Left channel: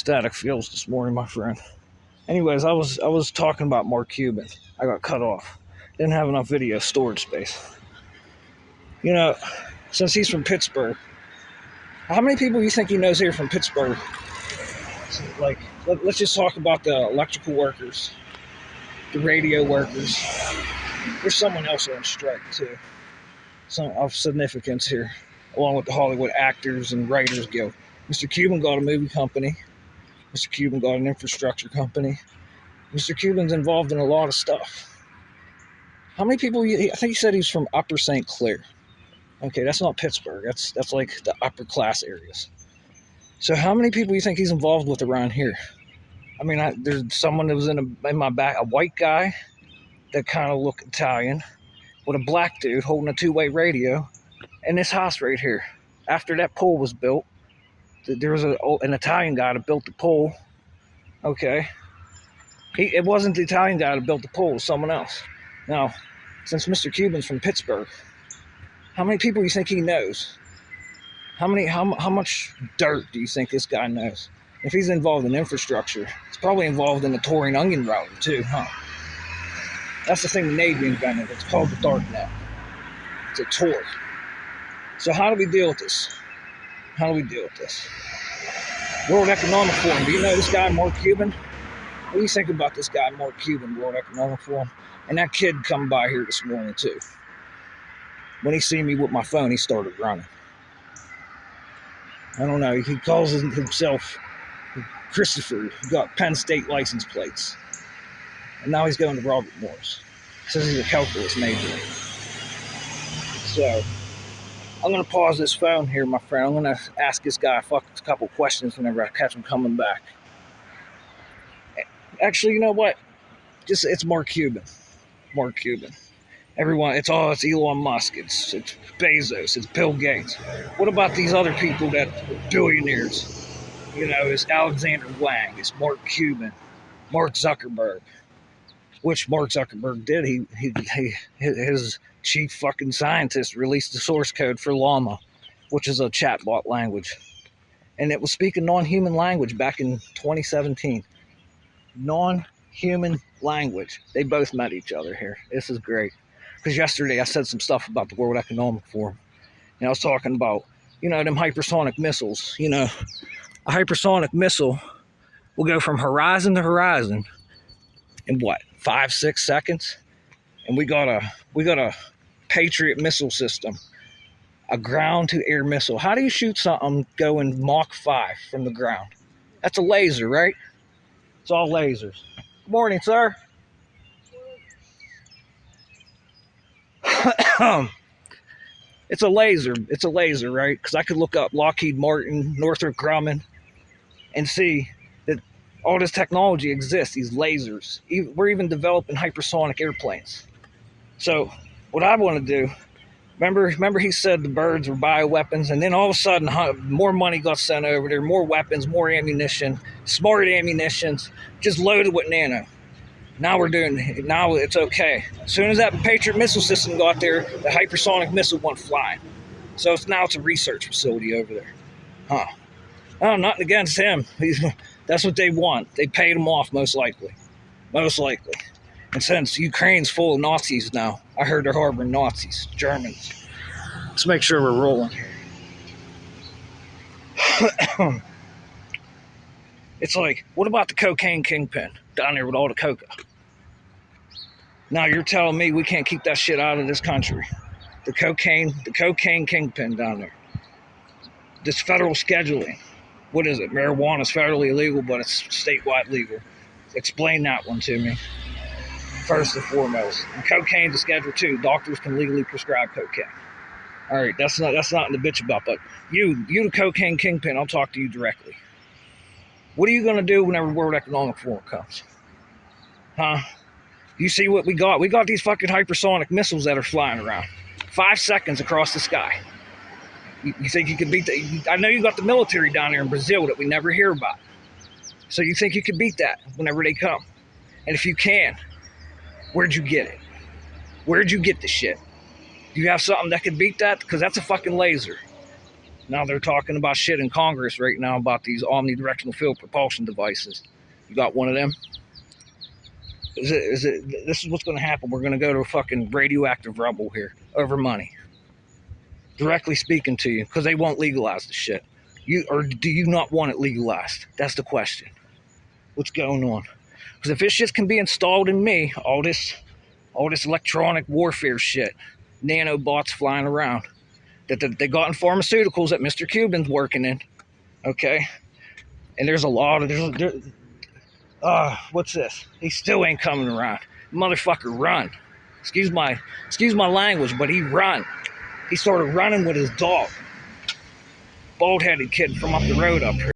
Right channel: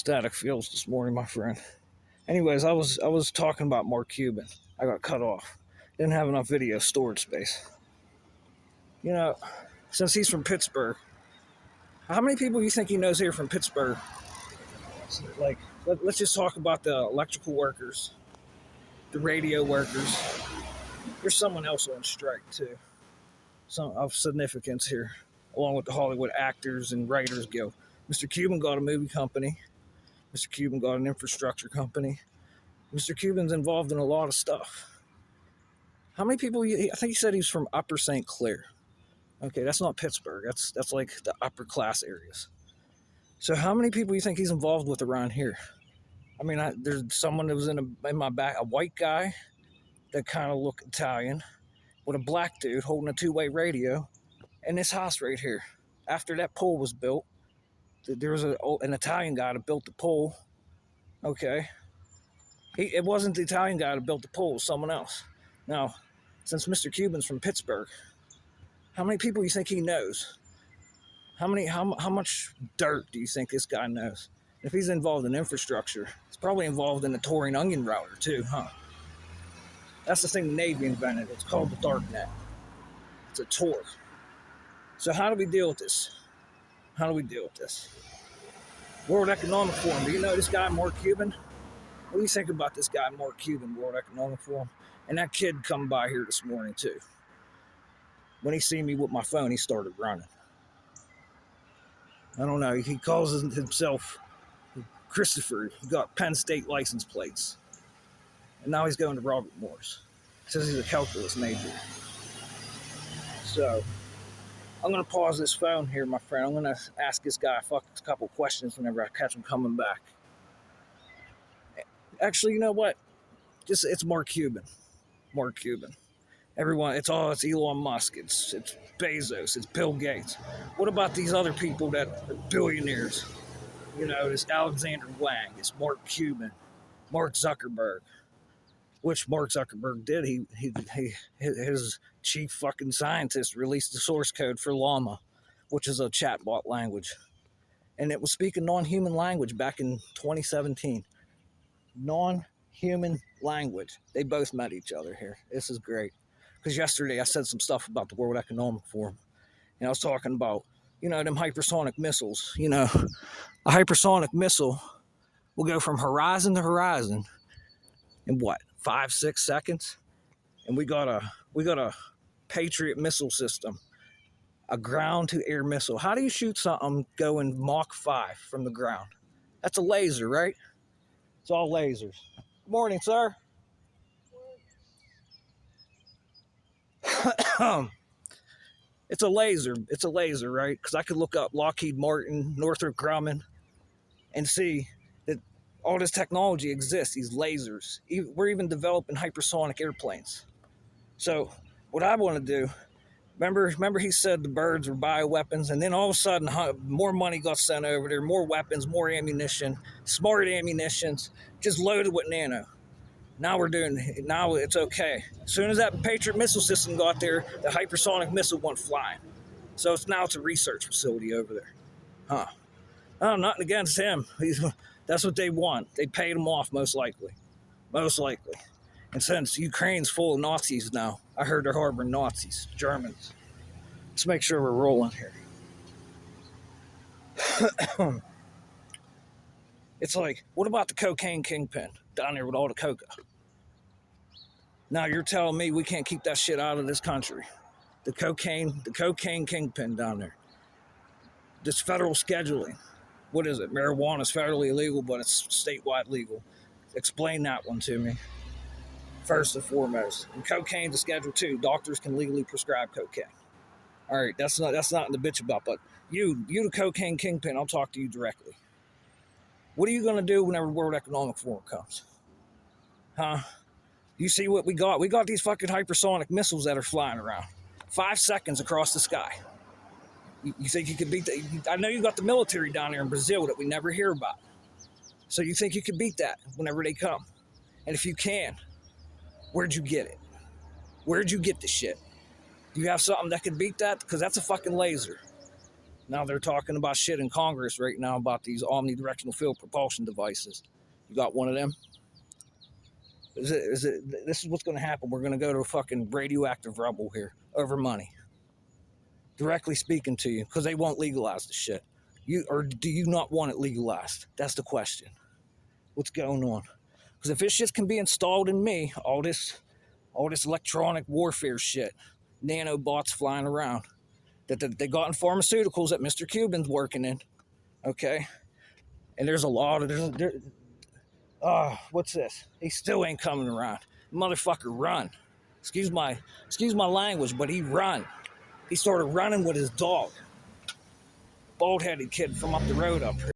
Static fields this morning, my friend. Anyways, I was talking about Mark Cuban. I got cut off. Didn't have enough video storage space. You know, since he's from Pittsburgh, how many people do you think he knows here from Pittsburgh? Like, let's just talk about the electrical workers, the radio workers. There's someone else on strike too, some of significance here, along with the Hollywood Actors and Writers Guild. Mr. Cuban got a movie company. Mr. Cuban got an infrastructure company. Mr. Cuban's involved in a lot of stuff. How many people? I think he said he's from Upper St. Clair. Okay, that's not Pittsburgh. That's like the upper class areas. So how many people do you think he's involved with around here? I mean, there's someone that was in my back, a white guy that kind of looked Italian, with a black dude holding a two-way radio, in this house right here. After that pole was built, there was an Italian guy that built the pole. Okay, it wasn't the Italian guy that built the pole; it was someone else. Now, since Mr. Cuban's from Pittsburgh, how many people do you think he knows? How much dirt do you think this guy knows? If he's involved in infrastructure, he's probably involved in the Tory and Onion router too, huh? That's the thing the Navy invented. It's called the dark net. It's a Tor. So how do we deal with this? How do we deal with this? World Economic Forum. Do you know this guy, Mark Cuban? What do you think about this guy, Mark Cuban, World Economic Forum? And that kid come by here this morning too. When he seen me with my phone, he started running. I don't know. He calls himself Christopher. He got Penn State license plates. And now he's going to Robert Morris. Says he's a calculus major. So, I'm going to pause this phone here, my friend. I'm going to ask this guy a couple questions whenever I catch him coming back. Actually, you know what? It's Mark Cuban. Mark Cuban. Everyone, it's Elon Musk, it's Bezos, it's Bill Gates. What about these other people that billionaires? You know, it's Alexander Wang, it's Mark Cuban, Mark Zuckerberg. Which Mark Zuckerberg did. His chief fucking scientist released the source code for Llama, which is a chatbot language. And it was speaking non-human language back in 2017. Non-human language. They both met each other here. This is great. Because yesterday I said some stuff about the World Economic Forum. And I was talking about, them hypersonic missiles. A hypersonic missile will go from horizon to horizon in what, 5-6 seconds? And we got a Patriot missile system, a ground-to-air missile. How do you shoot something going Mach 5 from the ground? That's a laser, right? It's all lasers. Good morning, sir. It's a laser, right? Because I could look up Lockheed Martin, Northrop Grumman, and see that all this technology exists, these lasers. We're even developing hypersonic airplanes. So what I want to do, remember he said the birds were bioweapons, and then all of a sudden more money got sent over there, more weapons, more ammunition, smart ammunitions, just loaded with nano. Now it's okay. As soon as that Patriot missile system got there, the hypersonic missile went flying. So it's a research facility over there. Huh. Oh, nothing against him. That's what they want. They paid him off, most likely. Most likely. And since Ukraine's full of Nazis now, I heard they're harboring Nazis, Germans. Let's make sure we're rolling here. It's like, what about the cocaine kingpin down there with all the coca? Now you're telling me we can't keep that shit out of this country. The cocaine kingpin down there. This federal scheduling. What is it? Marijuana is federally illegal, but it's statewide legal. Explain that one to me. First and foremost. And cocaine to Schedule 2. Doctors can legally prescribe cocaine. All right, that's not in the bitch about, but you the cocaine kingpin, I'll talk to you directly. What are you going to do whenever World Economic Forum comes? Huh? You see what we got? We got these fucking hypersonic missiles that are flying around. 5 seconds across the sky. You think you could beat that? I know you got the military down there in Brazil that we never hear about. So you think you could beat that whenever they come? And if you can, where'd you get it? Where'd you get the shit? Do you have something that could beat that? Because that's a fucking laser. Now they're talking about shit in Congress right now about these omnidirectional field propulsion devices. You got one of them? This is what's going to happen. We're going to go to a fucking radioactive rubble here over money. Directly speaking to you, because they won't legalize the shit. Or do you not want it legalized? That's the question. What's going on? Because if this shit can be installed in me, all this electronic warfare shit, nanobots flying around, that they got in pharmaceuticals that Mr. Cuban's working in, okay? And there's a lot of what's this? He still ain't coming around. Motherfucker, run! Excuse my language, but he run. He started running with his dog. Bald-headed kid from up the road up here.